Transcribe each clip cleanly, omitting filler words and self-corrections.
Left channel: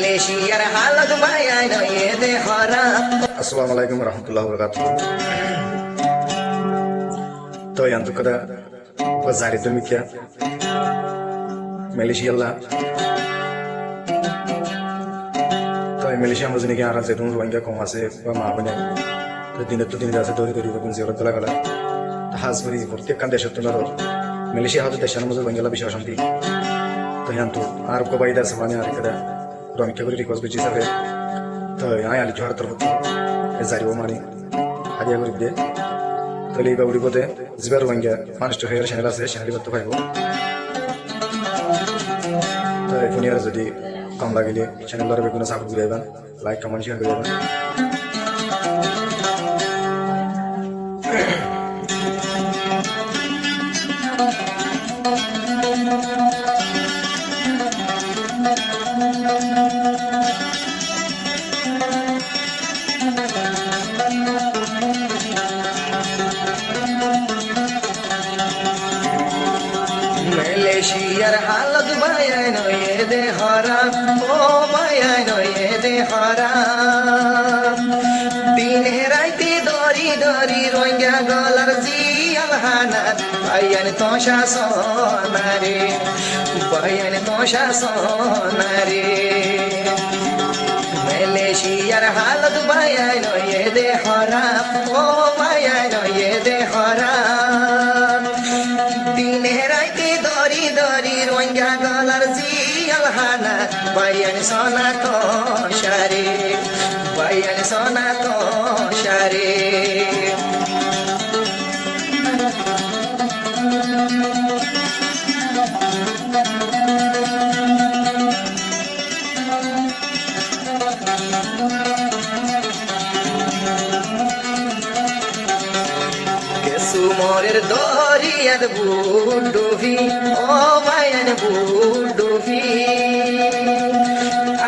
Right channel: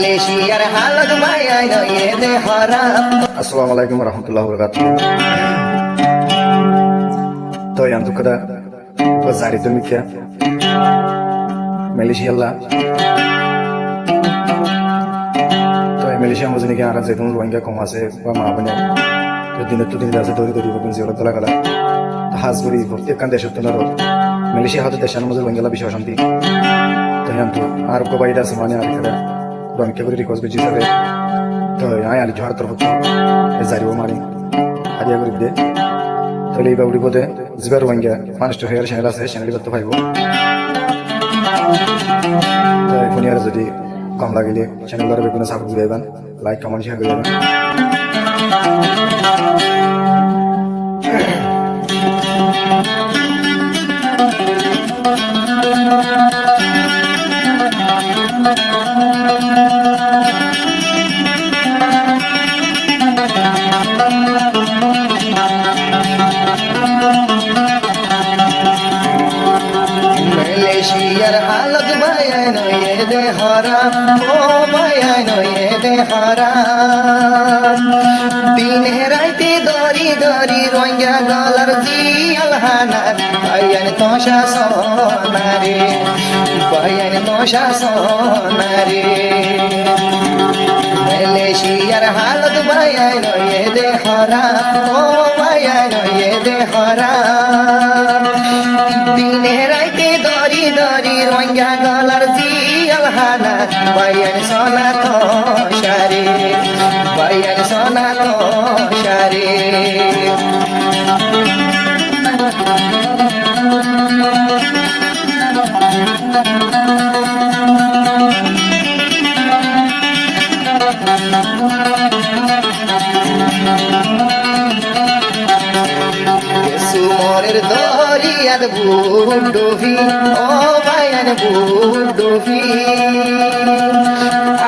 মালয়েশিয়ার হালত বায়ান এদে হারাম। Assalamu alaikum warahmatullahi wabarakatuh. To yanzu kada wazari domikia Malaysia la to Malaysia muzini ke ara zedun rohingya komase wa maabanya to din jase dori babin zero dala kala to hasbari vorte kan desho tunaro Malaysia hadu deshan muzil rohingya la bisha shanti to yanzu arab ko baida samani ari kada ron ke guri request bichi sabe to यहाँ आली जोहार तरफ जारी वो मारी Adiya group दे तो ले बाबुड़ी बोते जिबार वंगे पांच तो हेयर चैनल से चैनल बत्तो भाई वो तो फोन यार जदी काम लगे ले चैनल वाले बेकुना साफ बुझाई बन लाइक कमेंट शेयर करें মালয়েশিয়ার হালত বায়ান এদে হারাম, ও বায়ান এদে হারাম। দিনে রাইতে দরি দরি রোহিঙ্গা গলার জিয়াল হানার বায়ান তোষা সোনারে, বায়ান তোষা সোনারে। মালয়েশিয়ার হালত বায়ান এদে হারাম, ও বায়ান এদে হারাম। দিনে রাইতে দরি দরি রোহিঙ্গা গলার জিয়াল হানার বায়ান সোনা তোষারে, বায়ান সোনা তোষারে। সুমরের দরিয়াদ বুডুভি, ও বায়ান বুডুভি।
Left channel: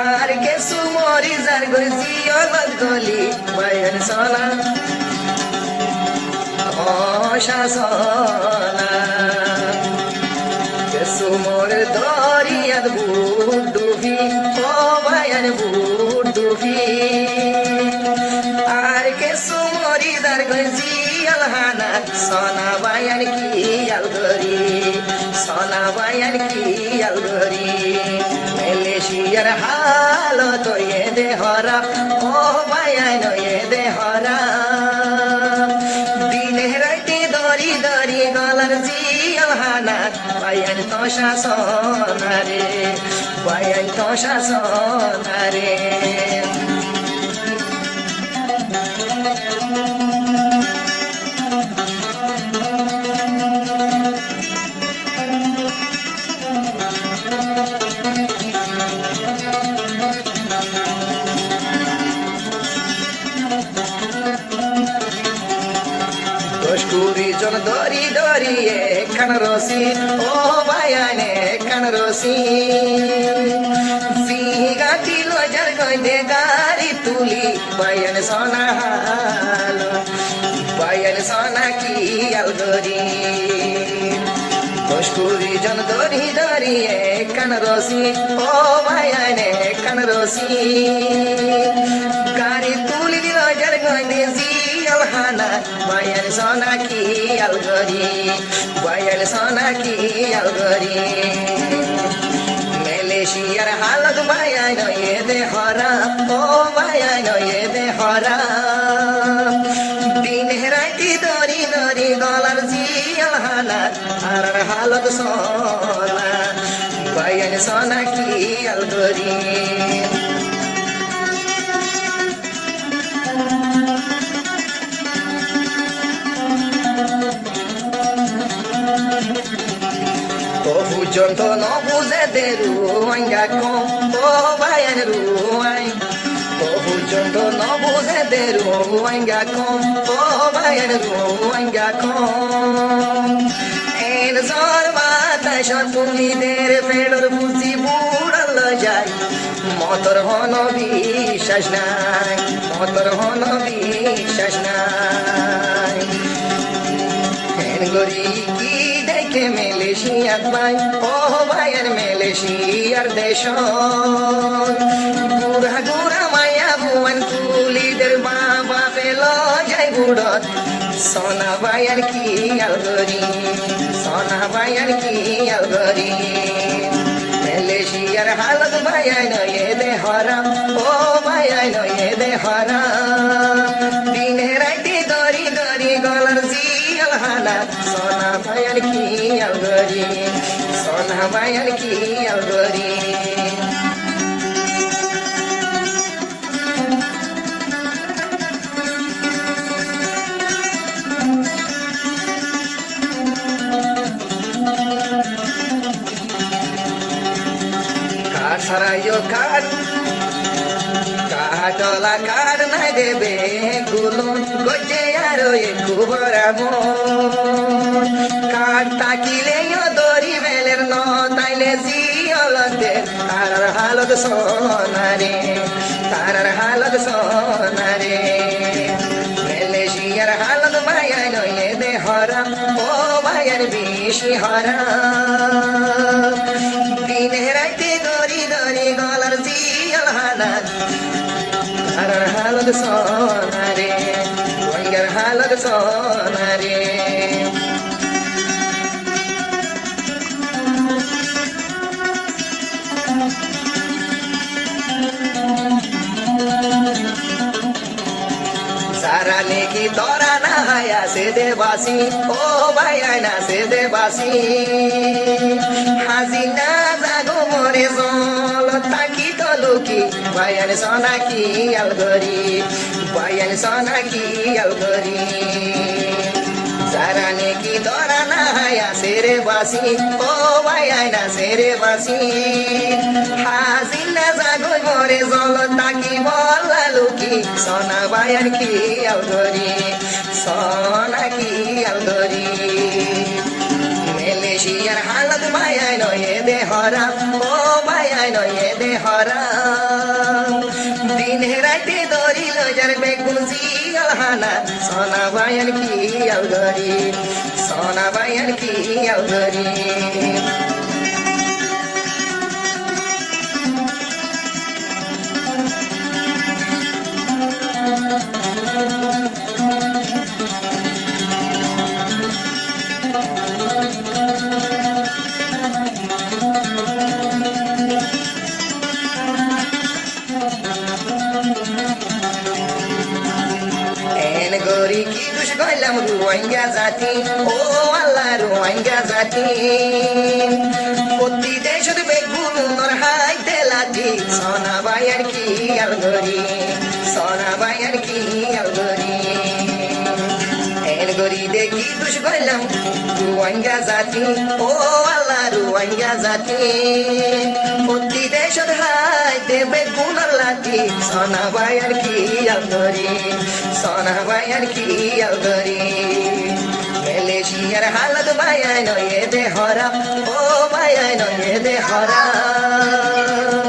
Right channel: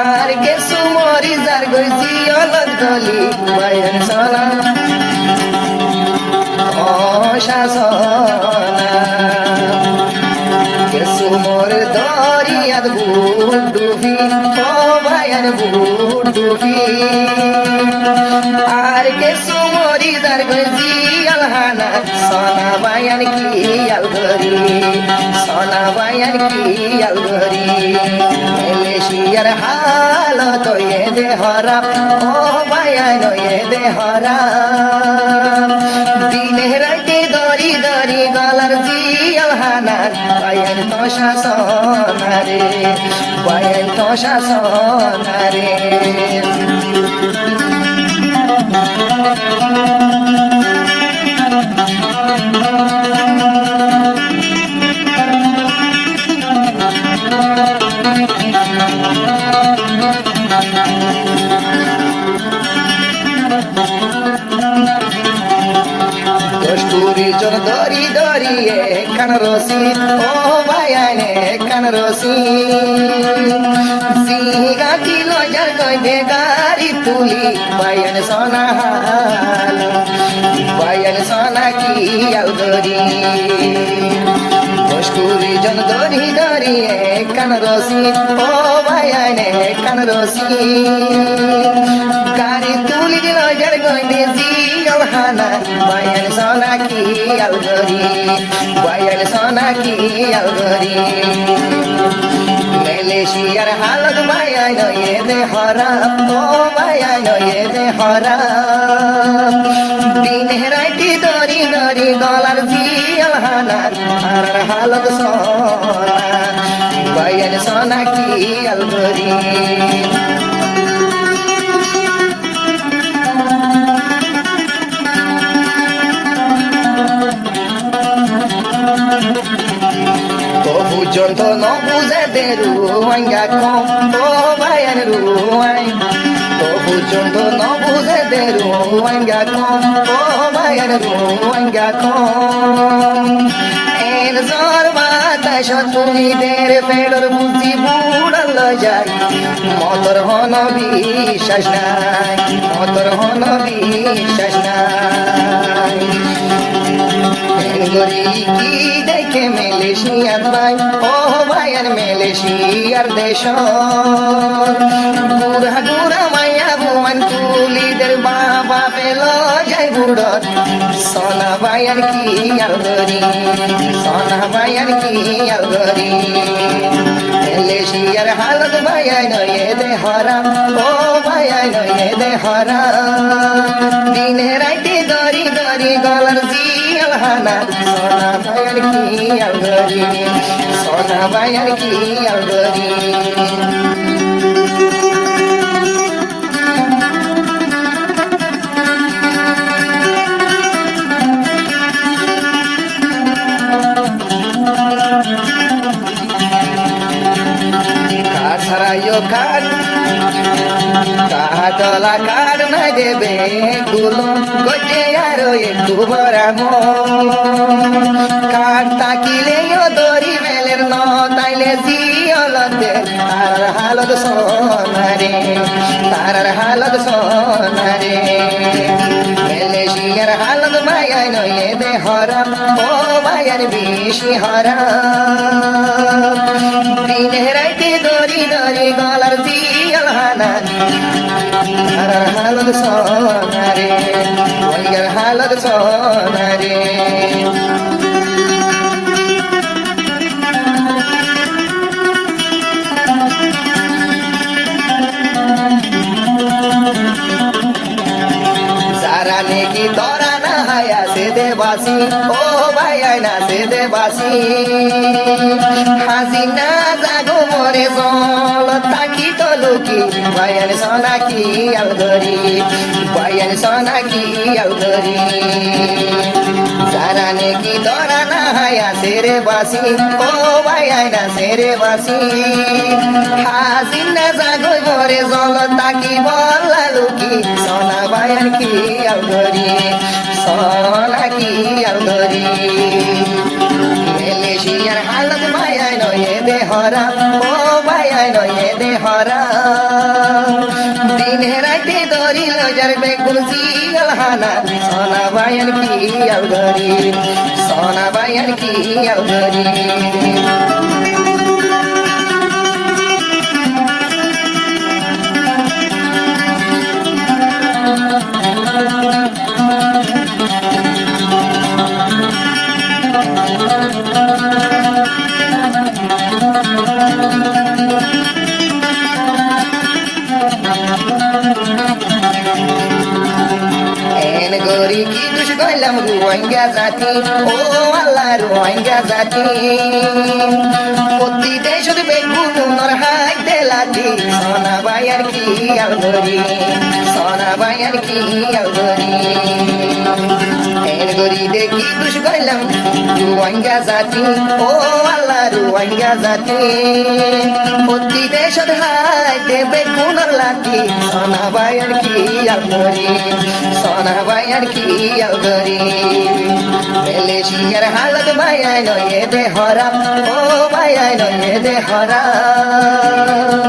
আর কে সুমরি যার গজি অলগ গলি বায়ান সোনা ও শাসনা। কে সুমরের দরিয়াদ বুডুভি, ও বায়ান বুডুভি। আর কে সুমরি যার গজি সোনা বায়ান কি আলগরি, সোনা বায়ান কি আলগরি। মালয়েশিয়ার হালত এদে হারাম, ও বায়ান এদে হারাম। দিনে রাতে দরি দরি গলার জিয়াল হানার বায়ান তোষা সোনারে, বায়ান তোষা সোনারে। কস্তুরি জন দরি দরি এখান রসি, ও বায়ানে এখান রসি। সিগাটি লজার গইদে গাড়ি তুলি বায়ান সোনা হাল, বায়ান সোনা কি আলগরি। কস্তুরি জন দরি দরি এখান রসি, ও বায়ানে এখান রসি। গাড়ি তুলি লজার গইদে জিয়াল হানা বায়ান সোনা কি আলগরি, বায়ান সোনা কি আলগরি। মালয়েশিয়ার হালত বায়ান এদে হারাম, ও বায়ান এদে হারাম। দিনে রাইতে দরি দরি গলার জিয়াল হানার আর হালত সোনা বায়ান সোনা কি আলগরি। Jonto no buze de ruanga con to bayan ruang, to jonto no buze de ruanga con to bayan ruanga con. En zorba ta shotuni der fedor buzi budal jai, motor hono bishas nai, motor hono bishas nai. En gori ki দেখে মালয়েশিয়ার ভাই, ও ভাইয়ের মালয়েশিয়ার দেশ বায়ান কি আগরি মালয়েশিয়ার হালত বায়ান এ দে হারাম ও বায়ান এ দে হারাম দিনে রাইতে দরি দরি গলার জিয়াল হানা সোনা বায়ান কি আগরি সোনা বায়ান কি আগরি Sarayo kad Kahatala kad na debe Gulum goche yaro ektu baramo Kad takile yo dori veler no Taile ziyolate Tarar halod sonare Tarar halod sonare Malaysiar halod bayano ye de haram O bayan bishi haram Dine raite dori dori galar ziyal hanan Tarar halod sonare Wangar halod sonare Zarane ki torana haya se devasi O bayana se devasi Hazina zago more zol taki toluki Bayan sonaki algori Bayan sonaki algori Zarane ki torana haya se devasi O bayana se devasi Hazina zago more zol taki bolaluki Sona bayan ki algori Sona ki algori Malaysian halat bayan ye de hara O bayan ye de hara Din raite dori lojar be gulzi alhana Sona bayan ki algori Sona bayan ki algori Gori ki dush goilam ruanga zati O Allah ruanga zati Poti deshod begun nor haite lati Sona bayan ki algori Sona bayan ki algori En gori de ki dush goilam ruanga zati O Allah ruanga zati Poti deshod haite begun nor lati Sona bayan ki algori Sona bayan ki algori Malaysiar halat bayan ye de haram O bayan ye de haram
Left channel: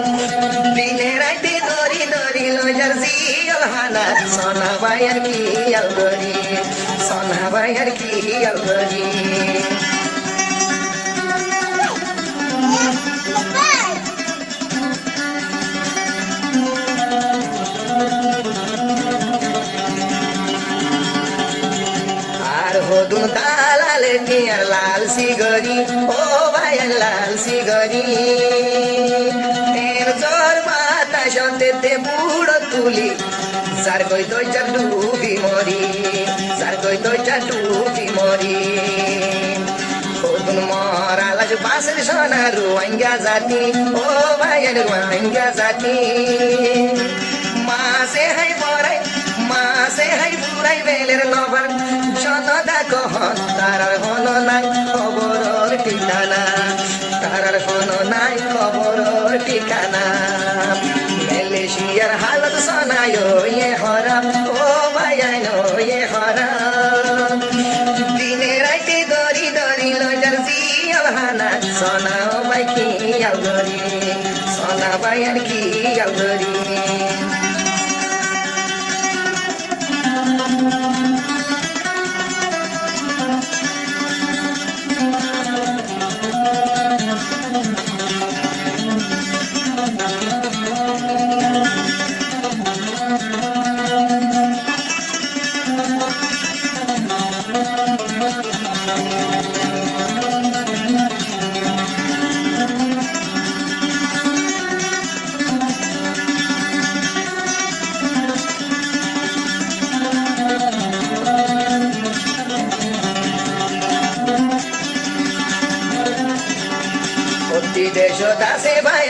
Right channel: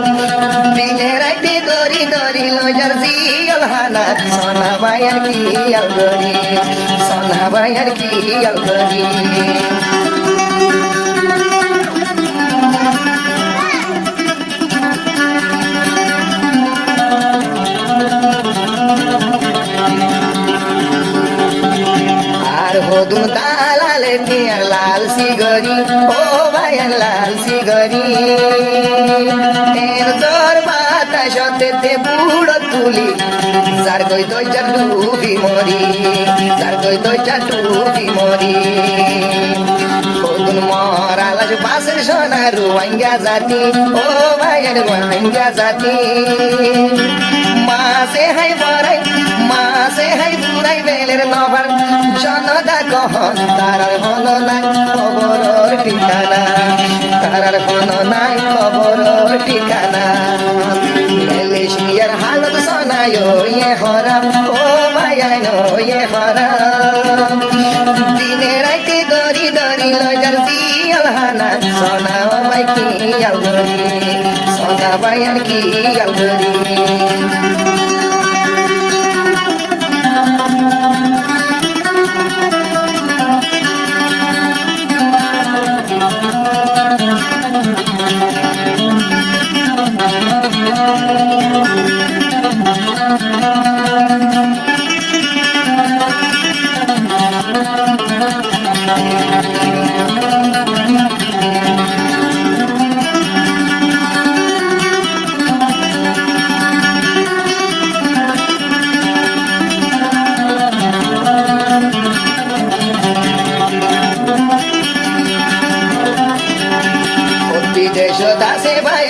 Dine raite dori dori lojar ziyal hana Sona bayan ki algori Sona bayan ki algori Hodun talale niya lal sigari O bayan lal sigari En zor bata shote te budo tuli Zar koi toi jaddubi mori Zar koi toi jaddubi mori Hodun mora laj basir shona ruanga zati O bayan ruanga zati Maase hai borai Maase hai burai beler lobar Janada kahon tarar hono nai koboror tikana Tarar hono nai koboror tikana Malaysiar halat sonayo ye haram O bayano ye haram Dine raite dori dori lojar ziyal hana Sona o bai ki algori Sona bayan ki algori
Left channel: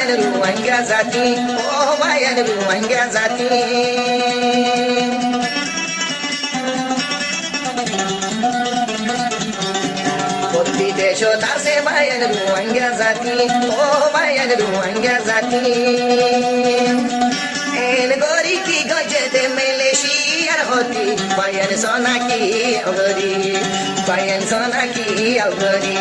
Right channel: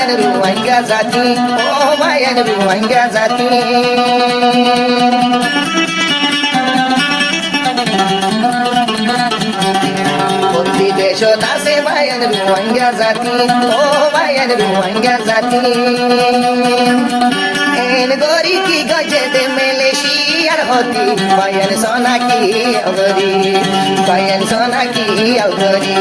bayan Rohingya jati, oh bayan Rohingya jati. Putri desho nase bayan Rohingya jati, oh bayan Rohingya jati. En gori ki gajde Malaysia hoti, bayan sona ki agari, bayan sona ki agari.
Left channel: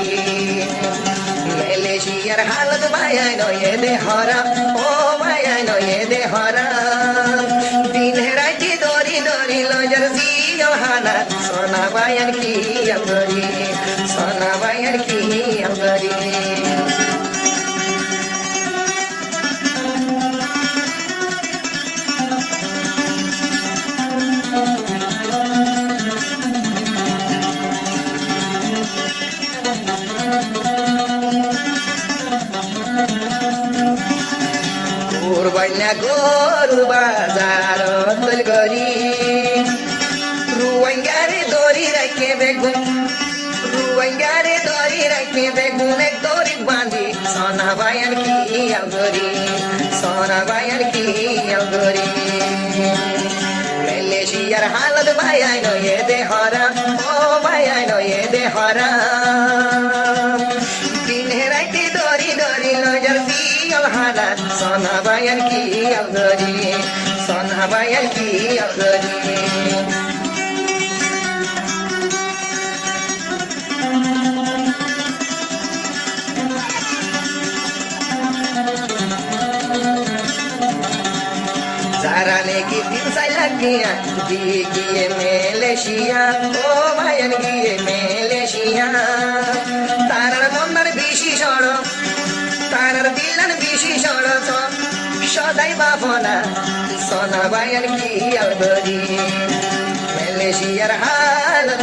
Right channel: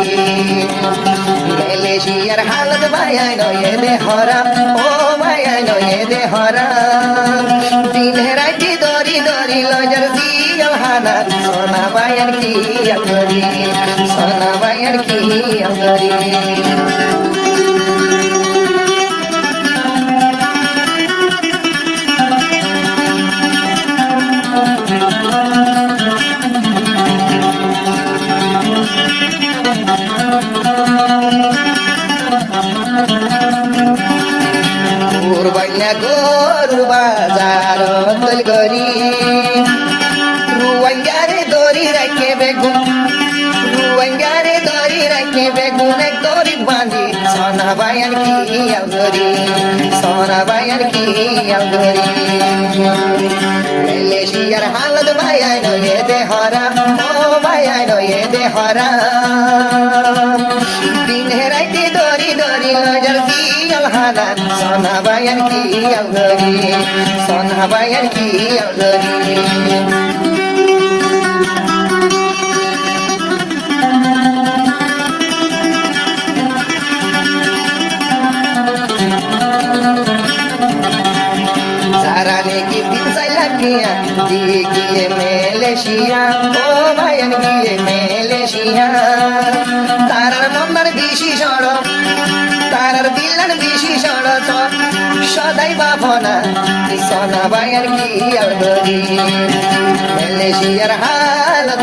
Malaysia halat bayan oye de hara, oh bayan oye de hara. Din raiti dori dori lojar ziyal hana, sona bayan ki agari, sona bayan ki agari. Urbanya goru bazar hotel gori Ruangare dori rakhe begun Ruangare dori rakhe begun ek dori bandi Sona bayan ki algori Sona bayan ki algori Malaysia halat bayan ye de hara Oh bayan ye de hara Din raite dori dori lojar ziyal hana Sona bayan ki algori Sona bayan ki algori Zarane ki din say lagiya Di giye Malaysia Oh bayan giye Malaysia Tarar mondar bishi shoro Tarar dilan bishi shoro so Shodai bafona Sona bayan ki algori Malaysia halat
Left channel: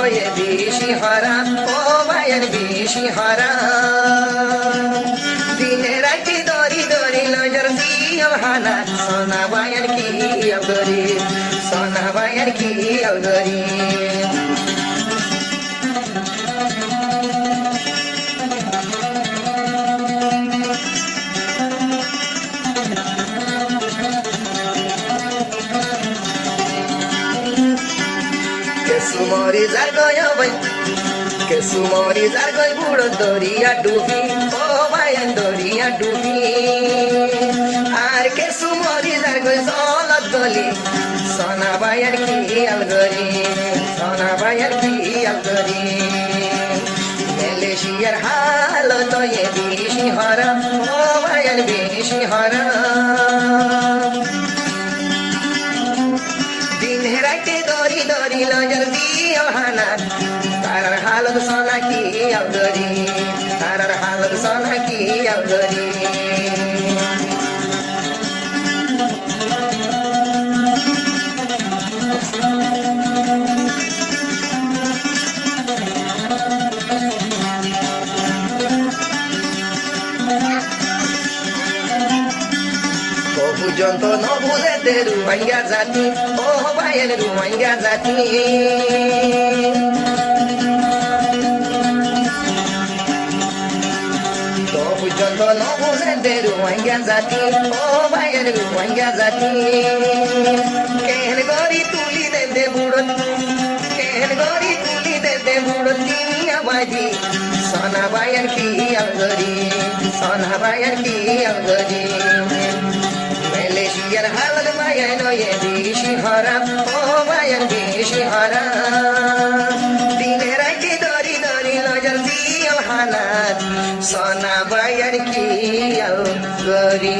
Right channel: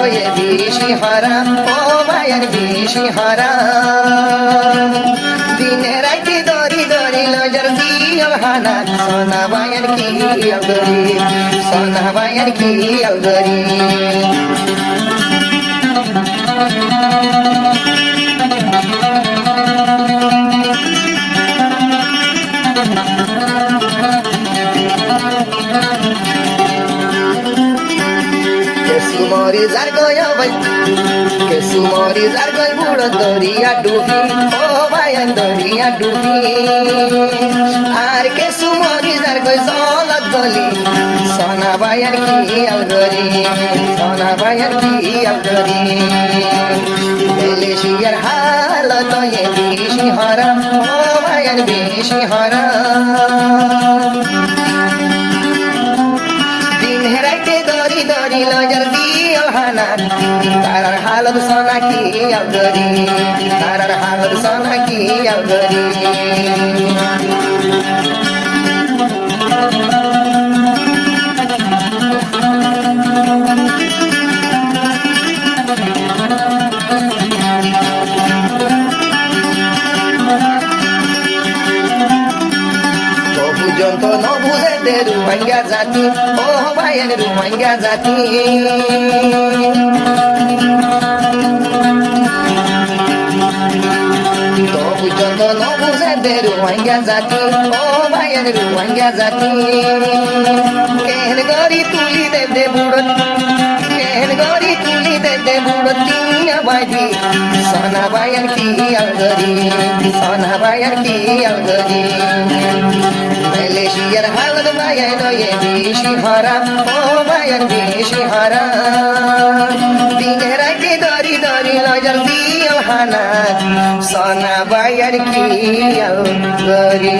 Oye bishi haram Oh bayan bishi haram Din raiti dori dori lojar ziyal hana Sona bayan ki algori Sona bayan ki algori Kesumori zargoyo bai Kesumori zargoy budo doriya dubi Oh bayan doriya dubi Ar kesumori zargoy zolat goli Sona bayan ki algori Sona bayan ki algori Malaysia halat ye bishi haram Oh bayan bishi haram Din raite dori dori lojar ziyal hana Tarar halat sona ki algori Tarar halat sona ki algori পর্যন্ত নবুঝে দে রোহিঙ্গা জাতি ও ভাইয়ের রোহিঙ্গা জাতি তো পর্যন্ত নবুঝে দে রোহিঙ্গা জাতি ও ভাইয়ের রোহিঙ্গা জাতি কেন গরি তুলি দে দে বুড়ন কেন গরি তুলি দে দে বুড়ন তিয়া বাদি সোনা ভাইয়ের কি अलगरी সোনা ভাইয়ের কি अलगरी Malaysia halat bayan oye bishi haram Oh bayan bishi haram Din raiti dori dori lojar ziyal halat Sona bayan ki algori